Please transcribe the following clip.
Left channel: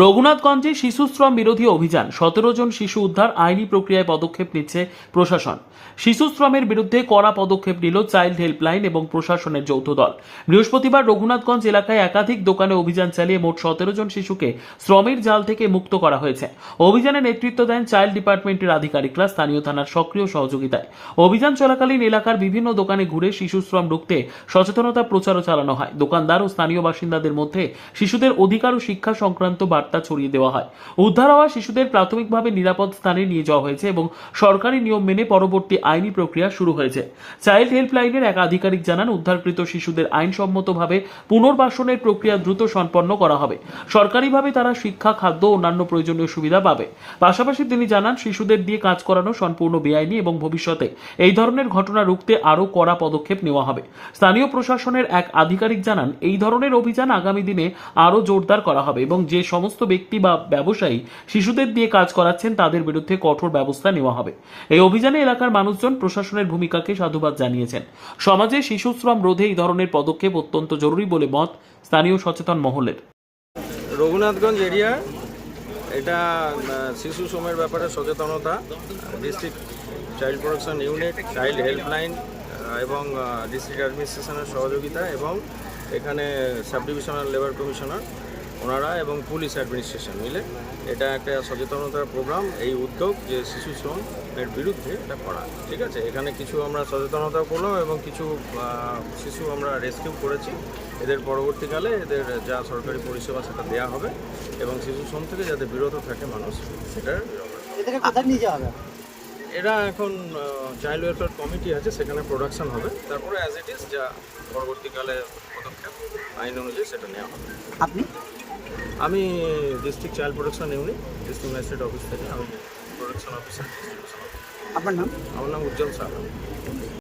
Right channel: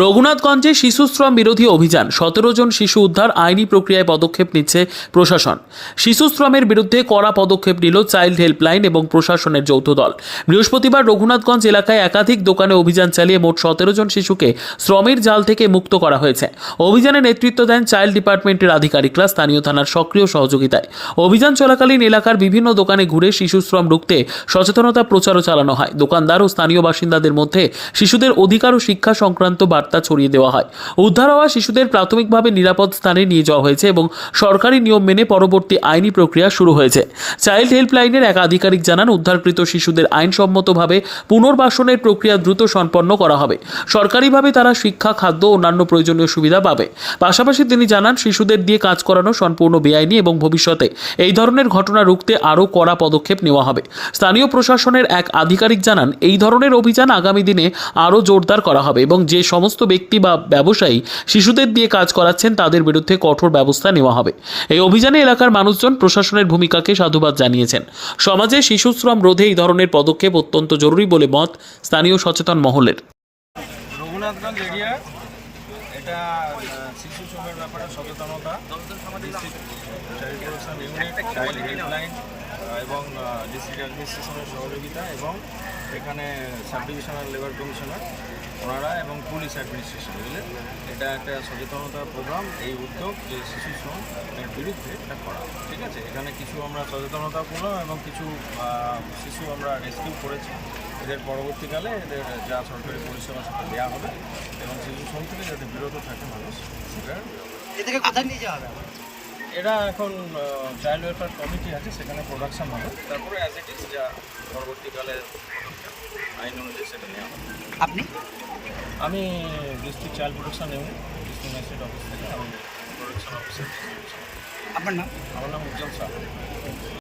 রঘুনাথগঞ্জে শিশুশ্রম বিরোধী অভিযান ১৭ জন শিশু উদ্ধার আইনি প্রক্রিয়ায় পদক্ষেপ নিচ্ছে প্রশাসন। শিশুশ্রমের বিরুদ্ধে কড়া পদক্ষেপ নিল চাইল্ড হেল্পলাইন এবং প্রশাসনের যৌথ দল। বৃহস্পতিবার রঘুনাথগঞ্জ এলাকায় একাধিক দোকানে অভিযান চালিয়ে মোট ১৭ জন শিশুকে শ্রমের জাল থেকে মুক্ত করা হয়েছে। অভিযানে নেতৃত্ব দেন চাইল্ড ডিপার্টমেন্টের আধিকারিকরা স্থানীয় থানার সক্রিয় সহযোগিতায়। অভিযান চলাকালীন এলাকার বিভিন্ন দোকানে ঘুরে শিশুশ্রম রুখতে সচেতনতা প্রচারও চালানো হয়। দোকানদার ও স্থানীয় বাসিন্দাদের মধ্যে শিশুদের অধিকার ও শিক্ষা সংক্রান্ত বার্তা ছড়িয়ে দেওয়া হয়। উদ্ধার হওয়া শিশুদের প্রাথমিকভাবে নিরাপদ স্থানে নিয়ে যাওয়া হয়েছে এবং সরকারি নিয়ম মেনে পরবর্তী আইনি প্রক্রিয়া শুরু হয়েছে। চাইল্ড হেল্পলাইনের এক আধিকারিক জানান, উদ্ধারকৃত শিশুদের আইনসম্মতভাবে পুনর্বাসনের প্রক্রিয়া দ্রুত সম্পন্ন করা হবে। সরকারিভাবে তারা শিক্ষা, খাদ্য ও অন্যান্য প্রয়োজনীয় সুবিধা পাবে। পাশাপাশি তিনি জানান, শিশুদের দিয়ে কাজ করানো সম্পূর্ণ বেআইনি এবং ভবিষ্যতে এই ধরনের ঘটনা রুখতে আরও কড়া পদক্ষেপ নেওয়া হবে। স্থানীয় প্রশাসনের এক আধিকারিক জানান, এই ধরনের অভিযান আগামী দিনে আরও জোরদার করা হবে এবং যে সমস্ত ব্যক্তি বা ব্যবসায়ী শিশুদের দিয়ে কাজ করাচ্ছেন তাদের বিরুদ্ধে কঠোর ব্যবস্থা নেওয়া হবে। এই অভিযানে এলাকার মানুষজন প্রশাসনের ভূমিকাকে সাধুবাদ জানিয়েছেন। সমাজে শিশুশ্রম রোধে এই ধরনের পদক্ষেপ অত্যন্ত জরুরি বলে মত স্থানীয় সচেতন মহলের। রঘুনাথগঞ্জ এরিয়া এটা শিশু শ্রমের ব্যাপারে সচেতনতা, district child protection unit, child helpline এবং ডিস্ট্রিক্ট অ্যাডমিনিস্ট্রেশনের সহযোগিতা এবং এখানে সাব ডিভিশনাল লেবার কমিশনার ওনারা এবং পুলিশ অ্যাডমিনিস্ট্রেশন মিলে এটা একটা সচেতনতার প্রোগ্রাম, এই উদ্যোগ যে শিশু শ্রমের বিরুদ্ধে এটা করা। ঠিক আছে, এখানে কিছু আমরা সচেতনতা করলাম এবং কিছু শিশু আমরা রেস্কিউ করেছি। এদের পরবর্তীকালে এদের যা সরকারি পরিষেবা সেটা দেওয়া হবে এবং শিশু শ্রম থেকে যাতে বিরত থাকে মানুষ সেটার কোথায় নিয়ে যাওয়া হবে। এরা এখন চাইল্ড ওয়েলফেয়ার কমিটি আছে, সেখানে প্রোডাকশন হবে, তারপরে অ্যাজ ইট ইজ যা পরবর্তীকালে পদক্ষেপ আইন অনুযায়ী সেটা নেওয়া হবে। আপনি? আমি district child protection unit, district magistrate office থেকে আমি প্রোটেকশন অফিসার। আপনার নাম? আমার নাম উজ্জ্বল সাহা।